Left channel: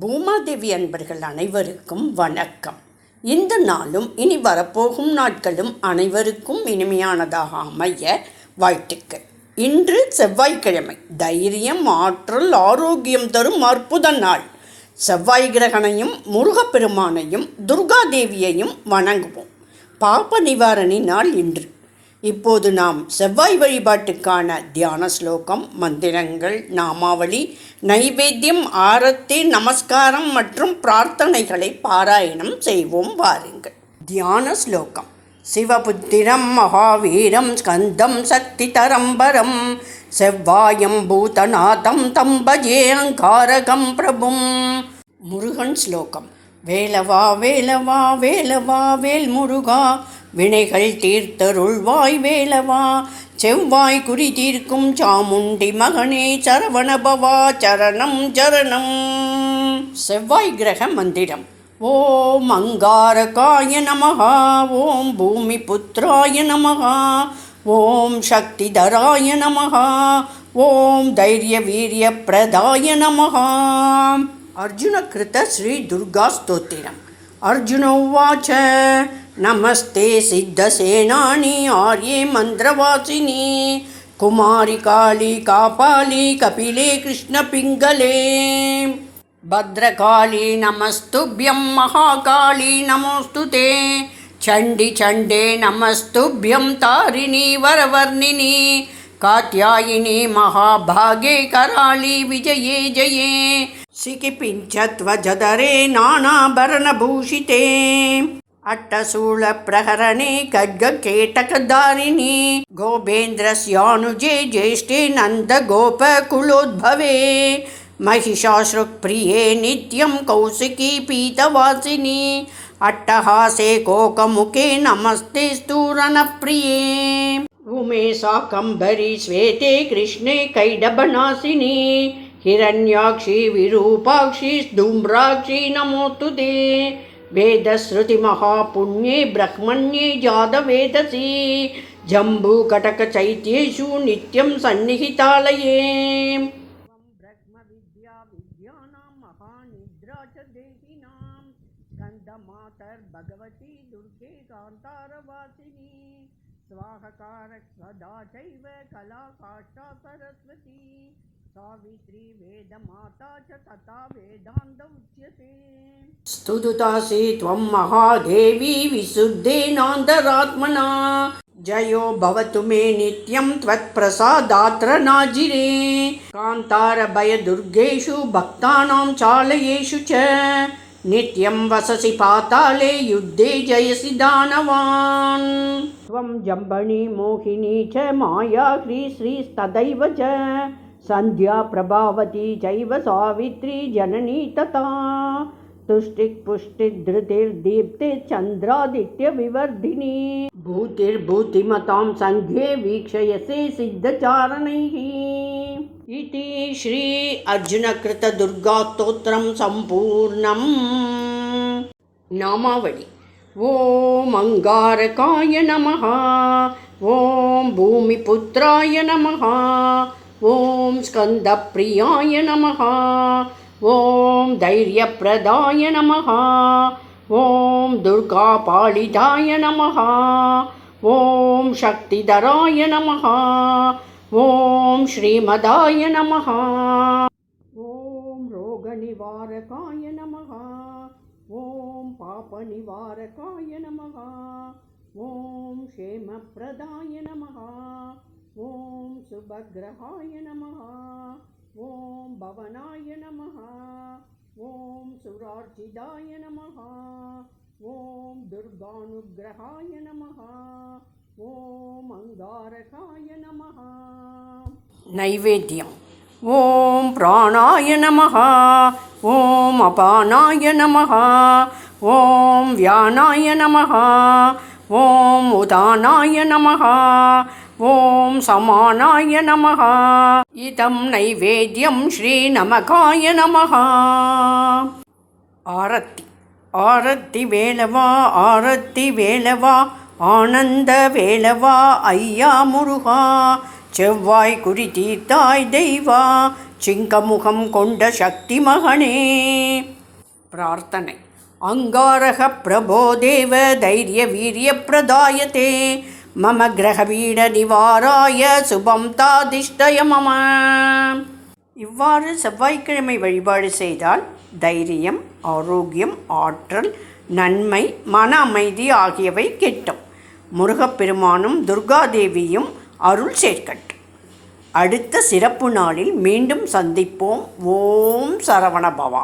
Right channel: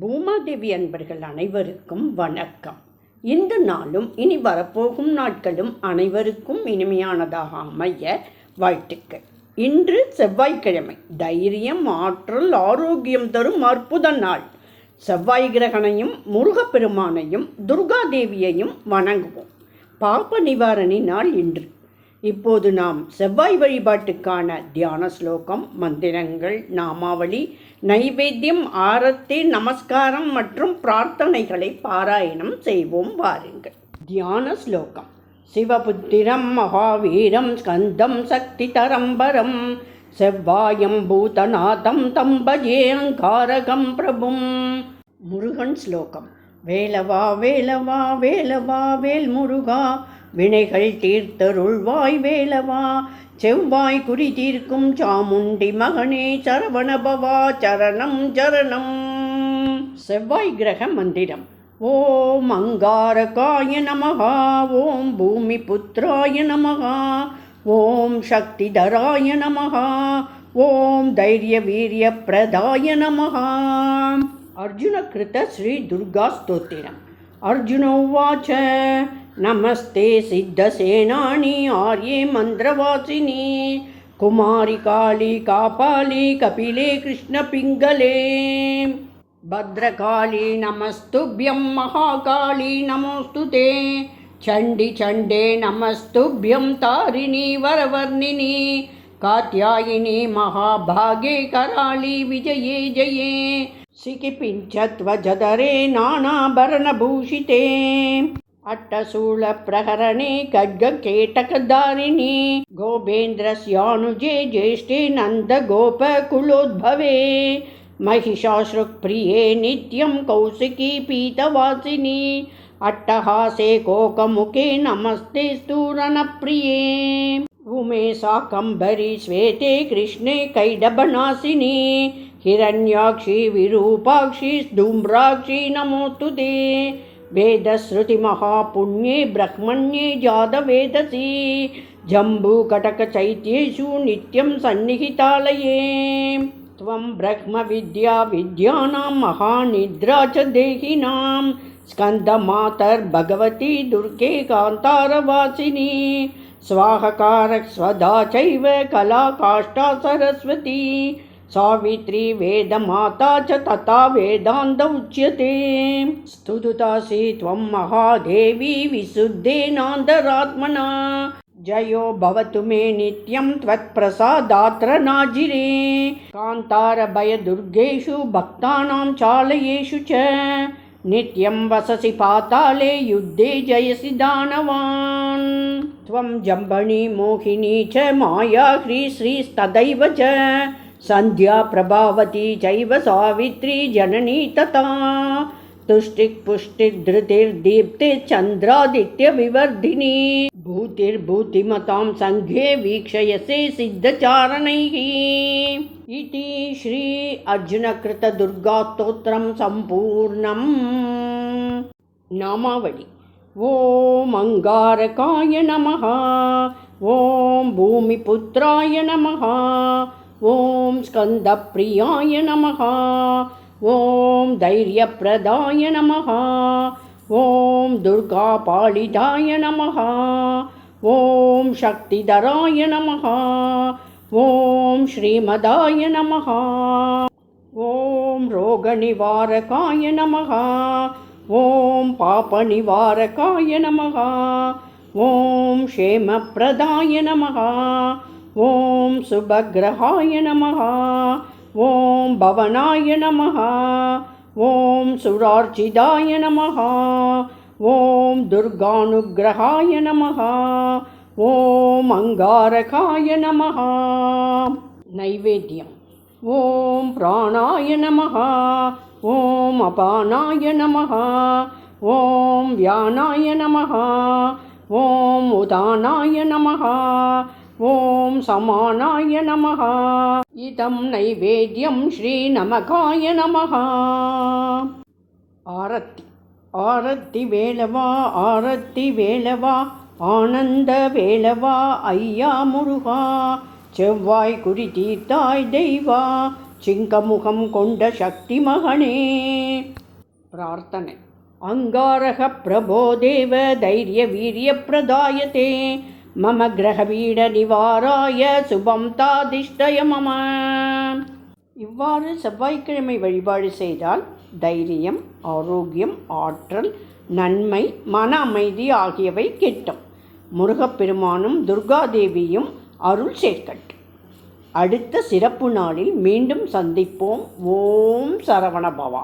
பூமாதேவி அன்பர்கள் அனைவருக்கும் வணக்கம். இந்த நாளும் இனி வரப்போகும் நாட்களும் அனைவருக்கும் இனிமையானதாக அமைய வாழ்த்துக்கள். இன்று செவ்வாய்க்கிழமை. தைரியம் ஆற்றல் ஆரோக்கியம் தரும் அற்புத நாள். செவ்வாய் கிரகனையும் முருகப்பெருமானையும் துர்காதேவியையும் வணங்குவோம். பாப நிவாரணி நாள் இன்று. இப்போது நாம் செவ்வாய் வழிபாட்டுக்கான தியான ஸ்லோகம் மந்திரங்கள் நாமாவளி நைவேத்தியம் ஆரத்தி நமஸ்காரம் மற்றும் பிரார்த்தனைகளை பாராயணம் செய்வோம். வாருங்கள். தியான ஸ்லோகம். சிவபுத்திரம் மகாவீரம் ஸ்கந்தம் சக்தி தரம்பரம் செவ்வாயம் பூதநாதம் தம்பஜே அங்காரகம் பிரபும். முருகன் ஸ்லோகம். வேலவா வேலவா வேலவா வேல் முருகா வினைகள் தீர்த்தருள்வாய் வேலவா செவ்வாய் குறி தீர்க்கும் சாமுண்டி மகனே சரவணபவா சரணம் சரணம். செவ்வாய் கிரக மந்திரம். ஓம் அங்காரகாய நமகா ஓம் பூமி புத்திராய நமகா ஓம் சக்திதராய நமகா ஓம் தைரிய வீரிய பிரதாய நமகா அர்ஜுன கிருத்த ஸ்ரீ துர்கா ஸ்தோத்திரம். अर्जुन उवाच, नमस्ते सिद्धसेनानि आर्ये मन्त्रवासिनि कुमारि काली, कापाली, कपिले कृष्णपिङ्गले भद्रकाली, नमस्तुभ्यं महाकाली, नमोऽस्तु ते, चण्डि चण्डे, नमस्तुभ्यं तारिणी, वरवर्णिनि कात्यायिनी महाभागे कराळी विजये जये सिकिपिञ्चत्वजधरे नानाभरणभूषिते अट्टशूलप्रहरणे खड्गकेटकधारिणि गोपेन्द्रस्यानुजे ज्येष्ठे नन्दगोपकुलोद्भवे महिषाश्रुप्रिये नित्यं कौशिकी पीतवासिनि अट्टहासे कोकमुखे नमस्ते स्तूरणप्रिये उमे साकम्बरी श्वेते कृष्णे कैडबनासिनी हिरण्याक्षी विरूपाक्षी धूम्राक्षी नमोऽस्तु ते। वेदश्रुतिमहापुण्ये ब्रह्मण्ये जातवेदसि जम्बूकटकचैत्येषु नित्यं सन्निहितालये। त्वं ब्रह्मविद्या विद्यानां महानिद्रा च देहिनां स्कन्दमातर्भगवती दुर्गे कान्तारवासिनी स्वाहकारः स्वदा चैव कला काष्ठा सरस्वती। सावित्री वेदमाता च तथा वेदान्त उच्यते। स्तुतुतासि त्वं महादेवी विशुद्धेनान्तरात्मना। जयो भवतु मे नित्यं त्वत्प्रसादात्र नाजिरे। कान्तारभयदुर्गेषु भक्तानां चालयेषु च नित्यं वससि पाताले युद्धे जयसि दानवान्। त्वं जम्बणी मोहिनी च माया श्रीश्रीस्तदैव च। सन्ध्या प्रभावती चैव सावित्री जननी तथा। तुष्टिक्पुष्टिधृतिर्दीप्तिश्चन्द्रादित्यविवर्धिनी भूतिर्भूतिमतां सङ्घे वीक्षयसे सिद्धचारणैः। इति श्री अर्जुनकृतदुर्गास्तोत्रं सम्पूर्णम्। नामावळि ॐ अङ्गारकाय नमः। ॐ भूमिपुत्राय नमः। ॐ स्कन्दप्रियाय नमः ஓம் தைரியப்பிரதாய நமஹா. ஓம் துர்காபாலிதாய நமஹா. ஓம் சக்திதராய நமஹா. ஓம் ஸ்ரீமதாய நமஹா. ஓம் ரோகநிவாரகாய நமஹா. ஓம் பாபநிவாரகாய நமஹா. ஓம் ஷேமப்பிரதாய நமஹா. ஓம் சுபகிரகாய நமஹா. ஓம் பவனாய நமஹா. ஓம் சுரார்ச்சிதாய நமஹா. ஓம் துர்கானுகிரகாய நமஹா. ஓம் அங்காரகாய நமஹா. நைவேத்தியம். ஓம் பிராணாய நமஹா. ஓம் அபானாய நமஹா. ஓம் வியானாய நமஹா. ஓம் உதானாய நமஹா. ஓம் சமானாய நமஹா. இதம் நைவேத்தியம் ஸ்ரீ நமகாய நமஹா. ஆரத்தி ஆரத்தி வேலவா ஆரத்தி வேலவா ஆனந்த வேலவா ஐயா முருகா. செவ்வாய் குடி தீர்த்தாய் தெய்வா சிங்கமுகம் கொண்ட சக்தி மகனே. பிரார்த்தனை அங்காரக பிரபோ தைரிய வீரிய பிரதாயத்தே. மம கிரகபீட நிவாராய சுபம் தாதிஷ்டய மம இவ்வாறு செவ்வாய்க்கிழமை வழிபாடு செய்தால் தைரியம் ஆரோக்கியம் ஆற்றல் நன்மை மன அமைதி ஆகியவை கிட்டும். முருகப்பெருமானும் துர்காதேவியும் அருள் சேர்க்கட்டும். அடுத்த சிறப்பு நாளில் மீண்டும் சந்திப்போம். ஓம் சரவண பவா